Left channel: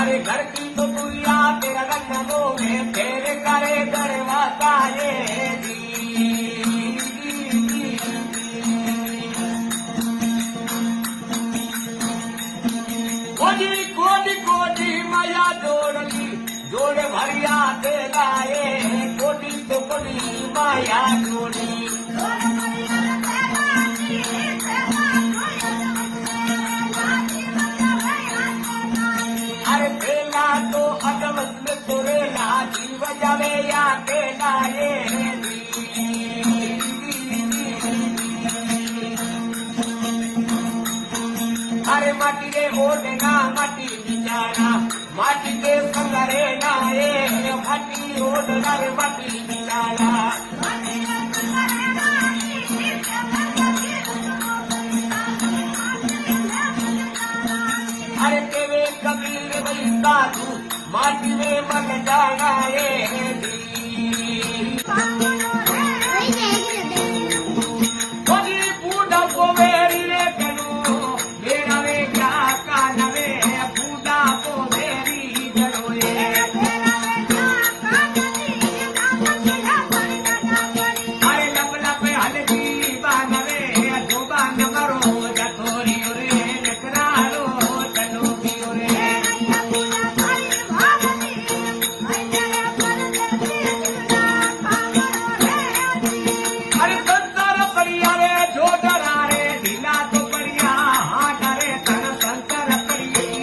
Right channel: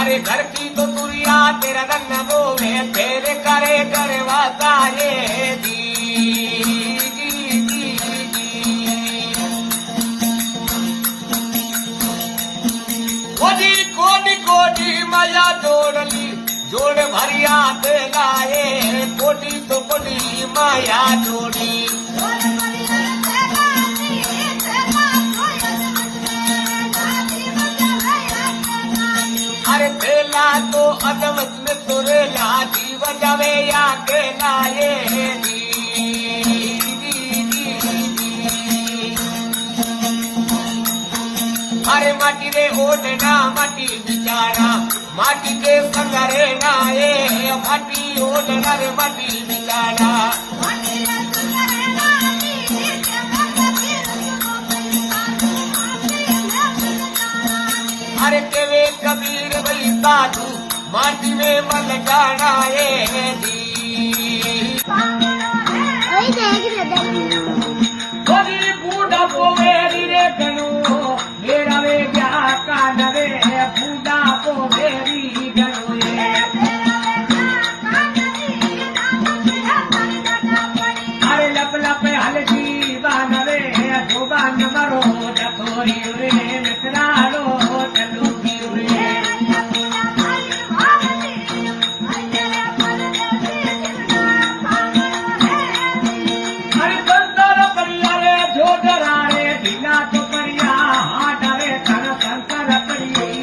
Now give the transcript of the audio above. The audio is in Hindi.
अरे घर की तो दुनिया तेरा रंग बोवे तेरे करे करवाता ये जी कोटी कोटी माया जोड़ली जोड़ भरिया ते लाए कोटी तो कोटी माया जोड़ी अरे तेला तो अदमत में तोरे लाजी बजावे या के लाए अरे माटी रे ओढ़ना माटी बिचारा माटी के संगरे नाए माटी ओढ़ना रे माटी बिचारा अरे केवे कबीर भाई साधु माटी में मल जाना दी बूढ़ा पोवे रे कनू मेरा वे क्या कान रे बूढ़ा पोवे री गनोए अरे लप लप हलकी बान रे जुबान मरो जतोरी रे नकरारो शंकर